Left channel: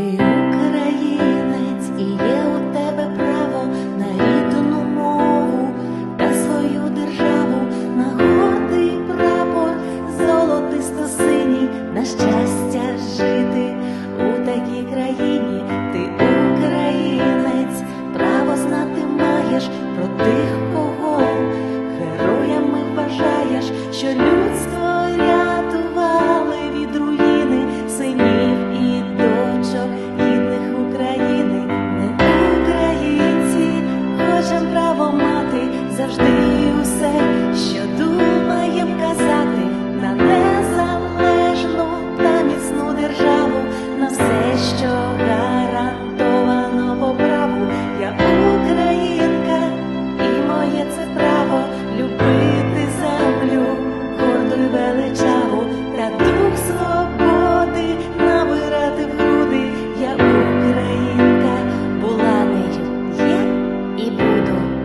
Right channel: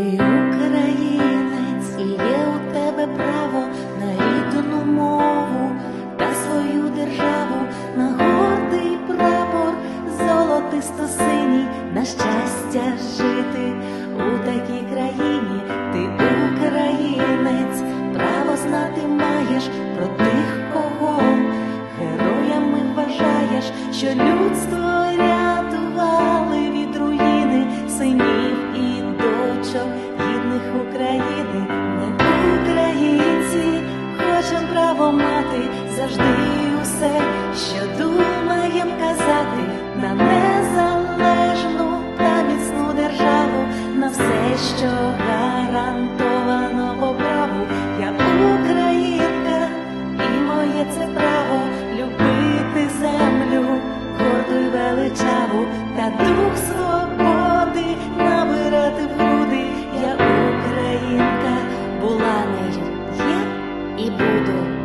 Ти українець і є у тебе право на рідну мову та свою державу, на гордий прапор, золотисто синій, на щастя жити у такій країні. Ти українець, право знати маєш про тих, кого героями вважаєш, що людство завжди усе, що думаєм казати на незалежну та міцну державу, на все, що гарантовано по праву. Я українка, і моє це право любити землю, горду й величаву, та дух свободи набирати в груди. Я українка, була нею, є і буду.